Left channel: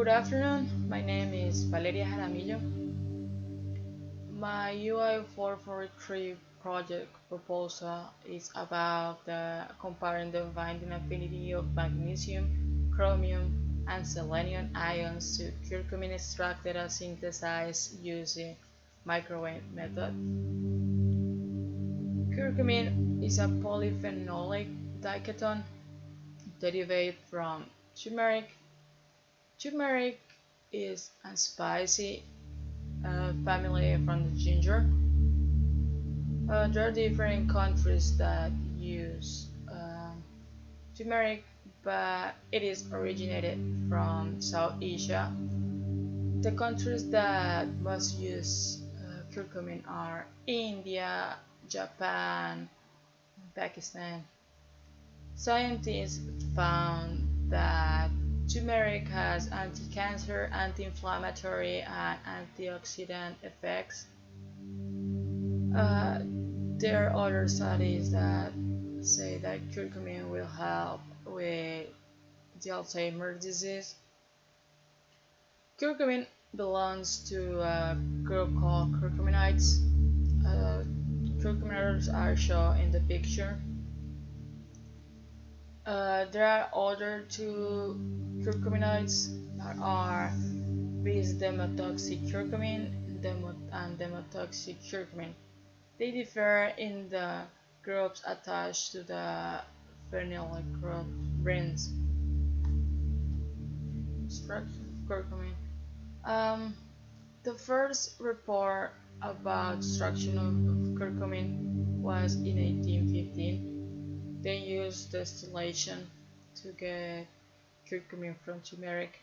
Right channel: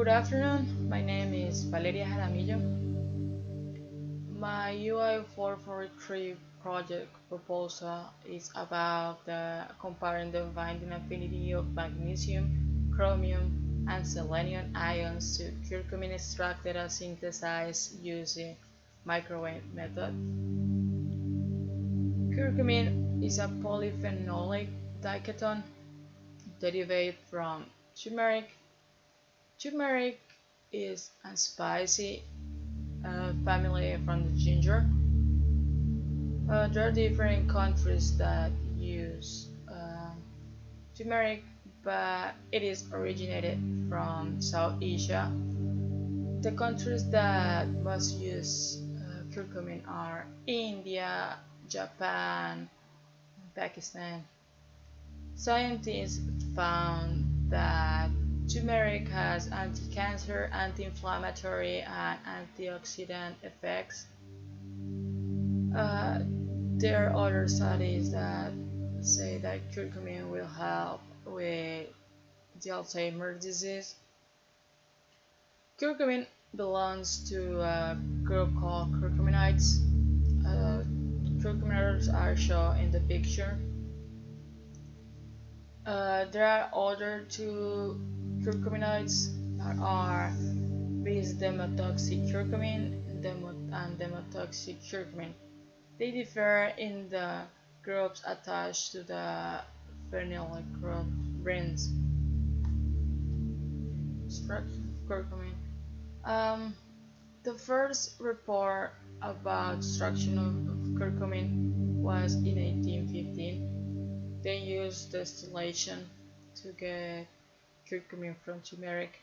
Good afternoon, my name is Valeria Jaramillo. My UI443 project proposal is about comparing the binding affinity of magnesium, chromium, and selenium ions to curcumin extract that are synthesized using microwave method. Curcumin is a polyphenolic diketon derived from turmeric. Turmeric is a spicy family from the ginger. There are different countries that use turmeric, but it is originated from South Asia. The countries that most use curcumin are India, Japan, and Pakistan. Scientists found that turmeric has anti-cancer, anti-inflammatory, and antioxidant effects. Uh, there are other studies that say that curcumin will help with the Alzheimer's disease. Curcumin belongs to a group called curcuminoids. Uh, Curcuminoids are shown in the picture. There are other two curcuminoids that are bis-demotoxycurcumin and demotoxycurcumin. They differ in the groups attached to the phenyl group rings. Structure of curcumin. The first report about extraction of curcumin was in 1815. They used distillation to get curcumin from turmeric,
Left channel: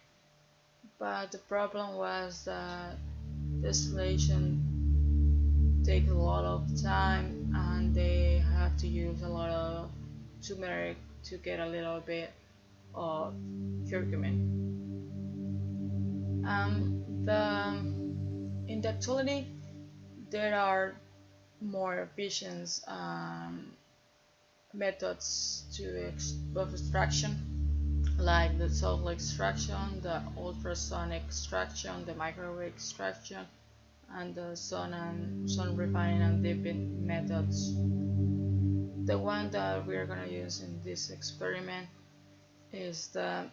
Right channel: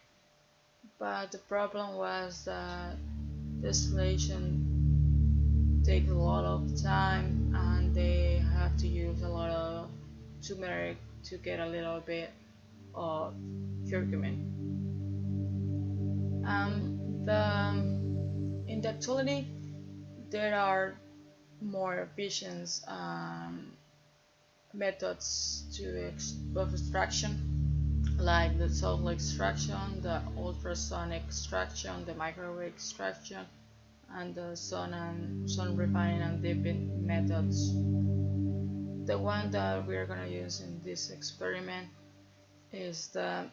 but the problem was that distillation takes a lot of time and they have to use a lot of turmeric to get a little bit of curcumin. In the actuality, there are more efficient methods of extraction, like the salt extraction, the ultrasonic extraction, the microwave extraction, and the sun refining and dipping methods. The one that we are going to use in this experiment is the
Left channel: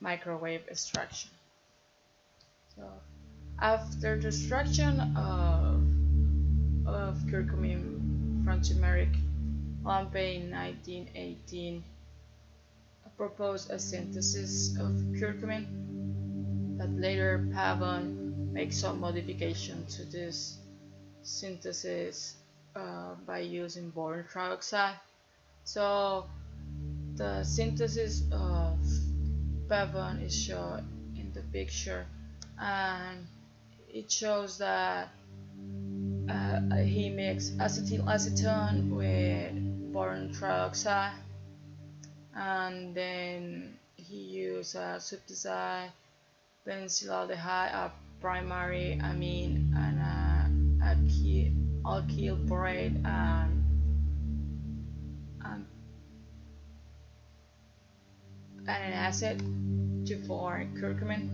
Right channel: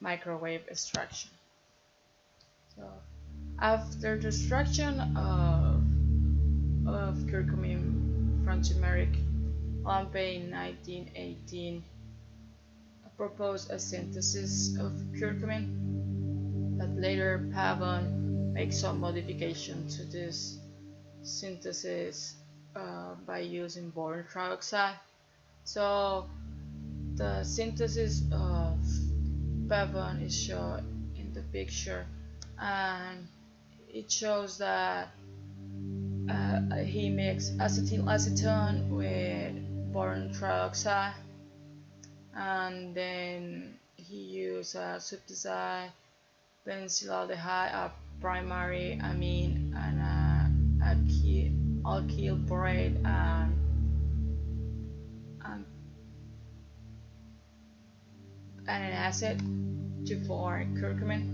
microwave extraction. So, after the extraction of curcumin from turmeric, Lampe in 1918 proposed a synthesis of curcumin, but later Pavon made some modification to this synthesis by using boron trioxide. So the synthesis of Pavon is shown in the picture, and it shows that he mixed acetylacetone with boron trioxide, and then he used a subdicide benzylaldehyde, a primary amine, and alkyl borate, and an acid to form curcumin.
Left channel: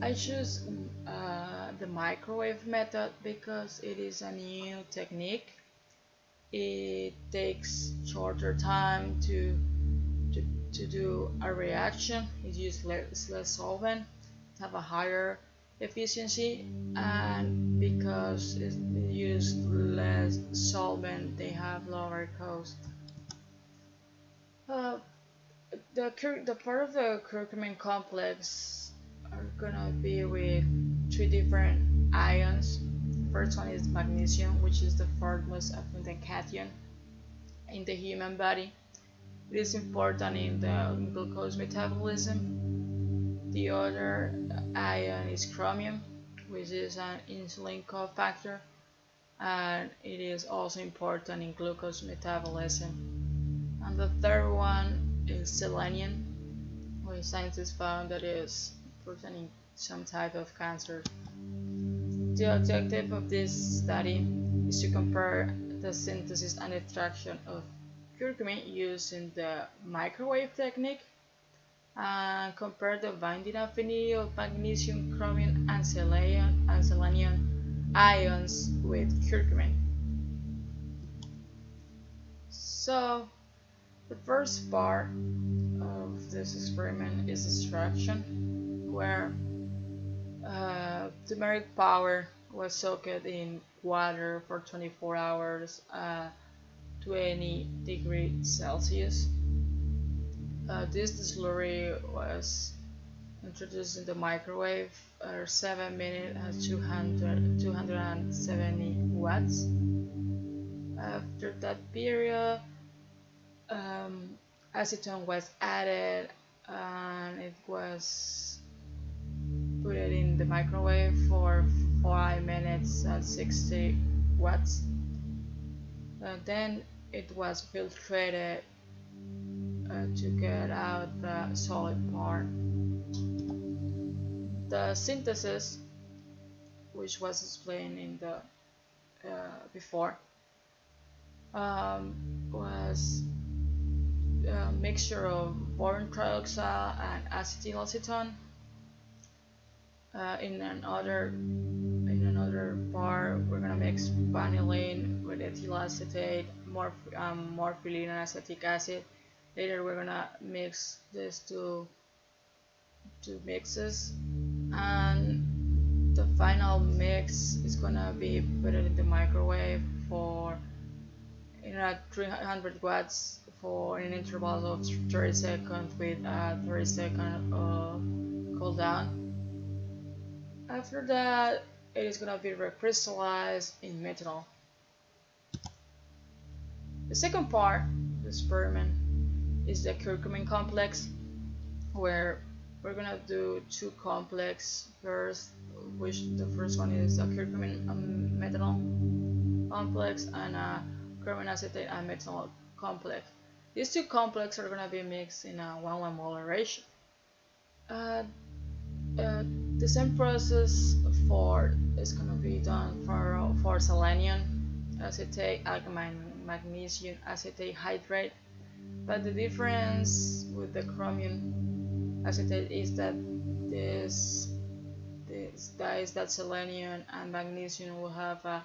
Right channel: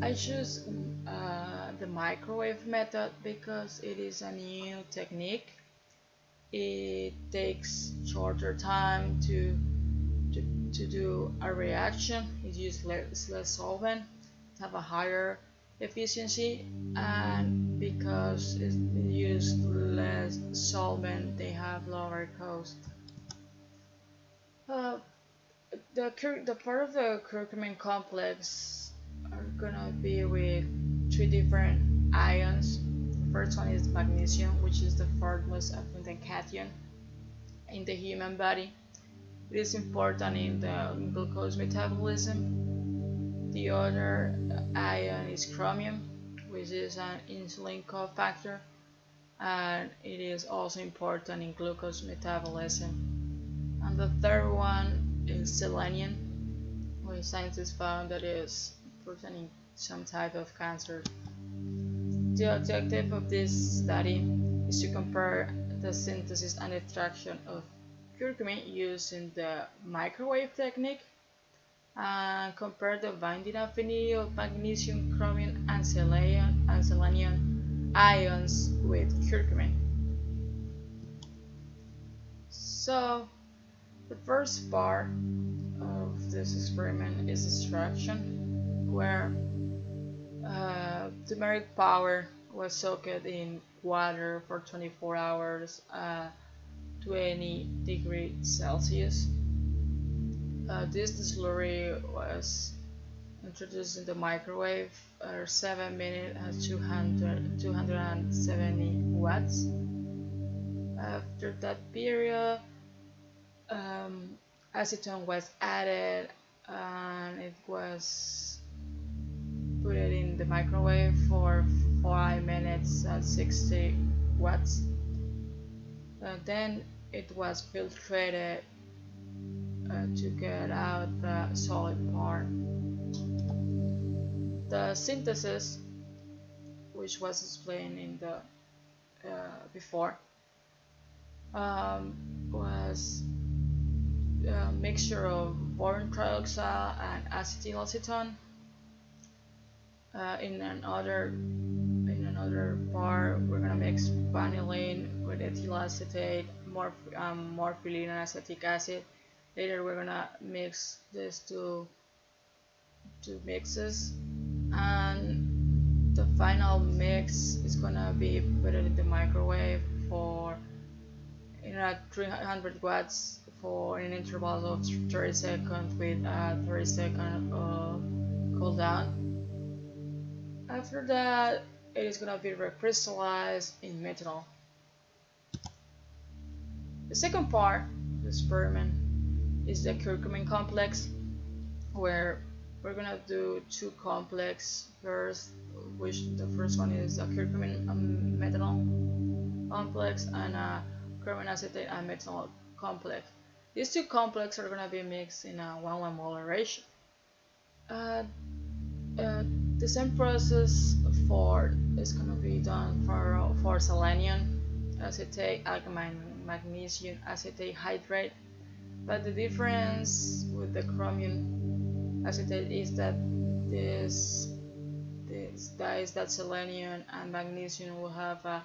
I choose the microwave method because it is a new technique. It takes shorter time to do a reaction. It uses less solvent, have a higher efficiency, and because it uses less solvent, they have lower cost. The part of the curcumin complex are gonna be with three different ions. First one is magnesium, which is the fourth most abundant cation in the human body. It is important in the glucose metabolism. The other ion is chromium, which is an insulin cofactor, and it is also important in glucose metabolism. And the third one is selenium, where scientists found that it is preventing some type of cancer. The objective of this study is to compare the synthesis and extraction of curcumin using the microwave technique and compare the binding affinity of magnesium, chromium, and selenium ions with curcumin. So the first part of this experiment is extraction, where turmeric powder was soaked in water for 24 hours at 20 degrees Celsius. This slurry was introduced in the microwave at 7 minutes at 270 watts. After that period, acetone was added and it was put it in the microwave for 5 minutes at 60 watts. Then it was filtrated to get out the solid part. The synthesis, which was explained in the before, was a mixture of boron trioxide and acetylacetone. In another part, we're gonna mix vanillin with ethyl acetate, morphine, and acetic acid. Later, we're gonna mix these two mixes, and the final mix is gonna be put in the microwave for at 300 watts for an interval of 30 seconds with a 30-second cool down. After that, it is gonna be recrystallized in methanol. The second part of the experiment is the curcumin complex, where we're gonna do two complexes first, which the first one is a curcumin methanol complex and a chromium acetate and methanol complex. These two complexes are gonna be mixed in a 1:1 molar ratio. The same process is gonna be done for selenium acetate and magnesium acetate hydrate, but the difference with the chromium acetate is that that selenium and magnesium will have a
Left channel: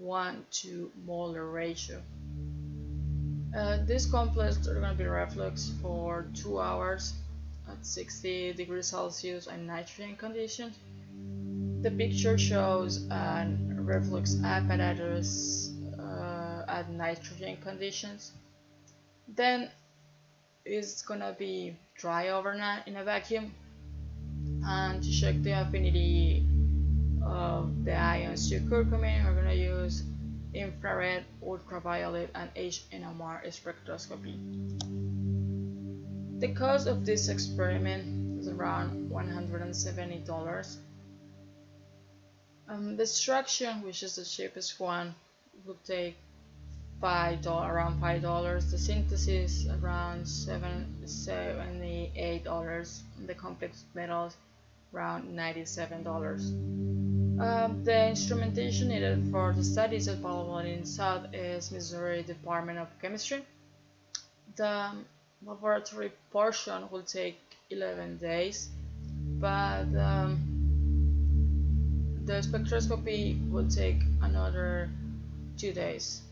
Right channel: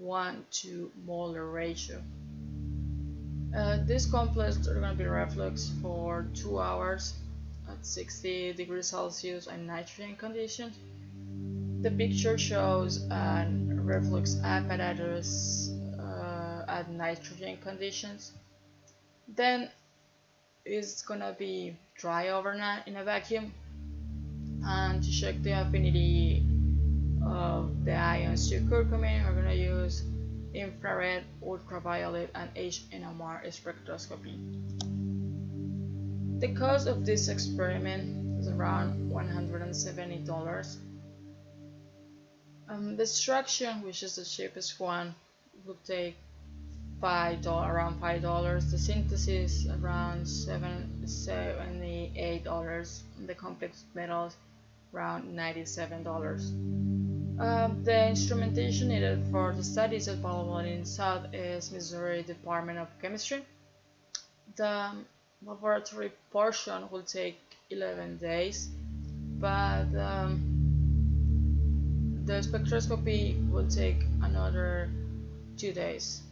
1:2 molar ratio. These complexes are going to be reflux for 2 hours at 60 degrees Celsius and nitrogen conditions. The picture shows a reflux apparatus at nitrogen conditions. Then it's gonna be dry overnight in a vacuum, and to check the affinity of the ions to curcumin, we're gonna use infrared, ultraviolet, and HNMR spectroscopy. The cost of this experiment is around $170. The extraction, which is the cheapest one, will take around $5. The synthesis around $78. And the complex metals around $97. The instrumentation needed for the study is available in Southeast Missouri Department of Chemistry. The laboratory portion will take 11 days, but the spectroscopy will take another 2 days.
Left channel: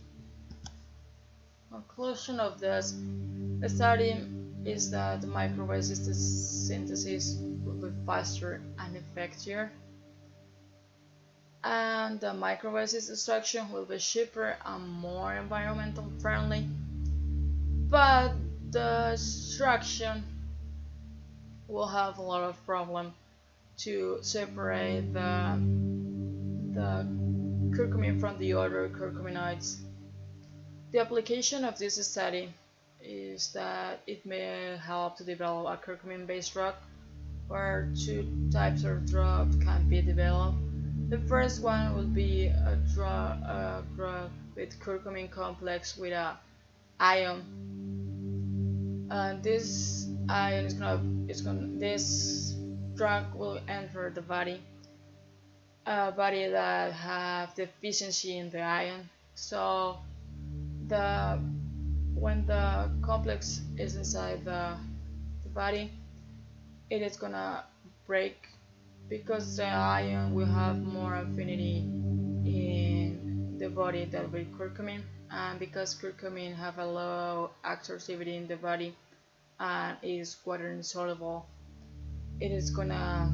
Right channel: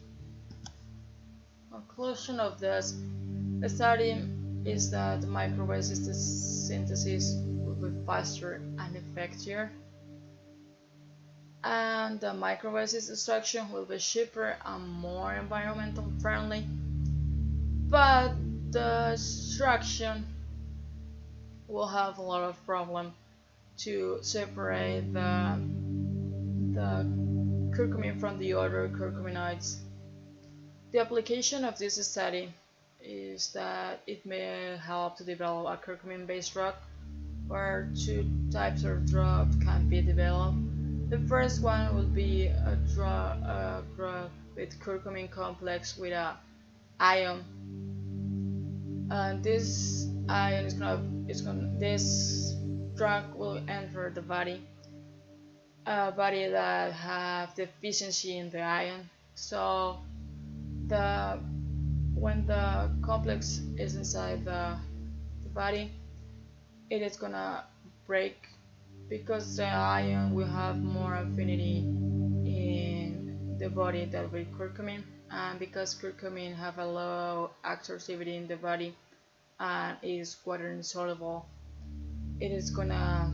Conclusion of this study is that the microresistance synthesis will be faster and effective, and the microresist extraction will be cheaper and more environmental friendly, but the extraction will have a lot of problem to separate the curcumin from the other curcuminoids. The application of this study is that it may help to develop a curcumin-based drug, where two types of drug can be developed. The first one will be a drug with curcumin complex with a ion. This ion this drug will enter the body, a body that have deficiency in the ion. So when the complex is inside the body, it is gonna break because the ion will have more affinity in the body than with curcumin, and because curcumin have a low activity in the body and is water insoluble, it is gonna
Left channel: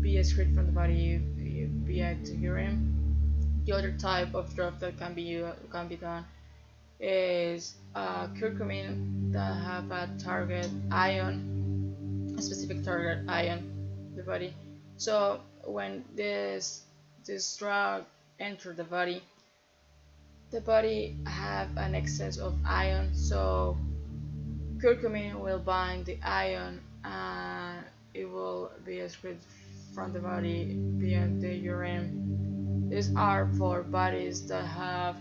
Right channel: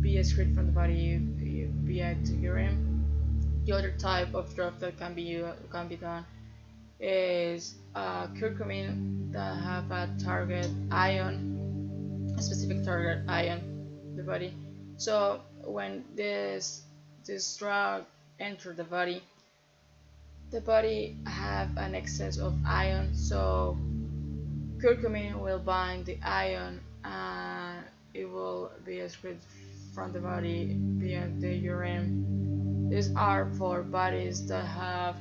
be excreted from the body via the urine. The other type of drug that can be done is curcumin that have a target ion, a specific target ion in the body. So when this drug enter the body have an excess of ion. So curcumin will bind the ion and it will be excreted from the body via the urine. These are for bodies that have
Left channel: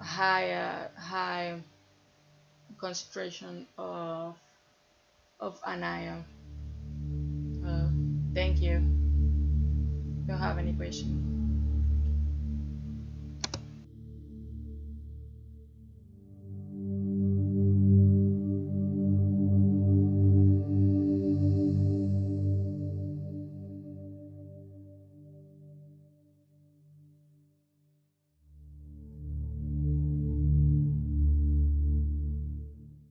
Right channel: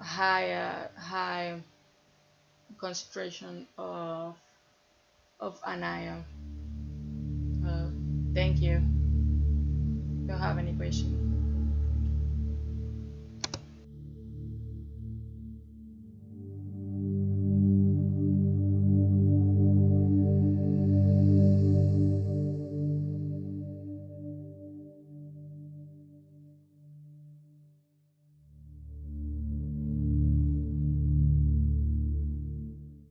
high concentration of an ion. Uh, Thank you. Don't have any question.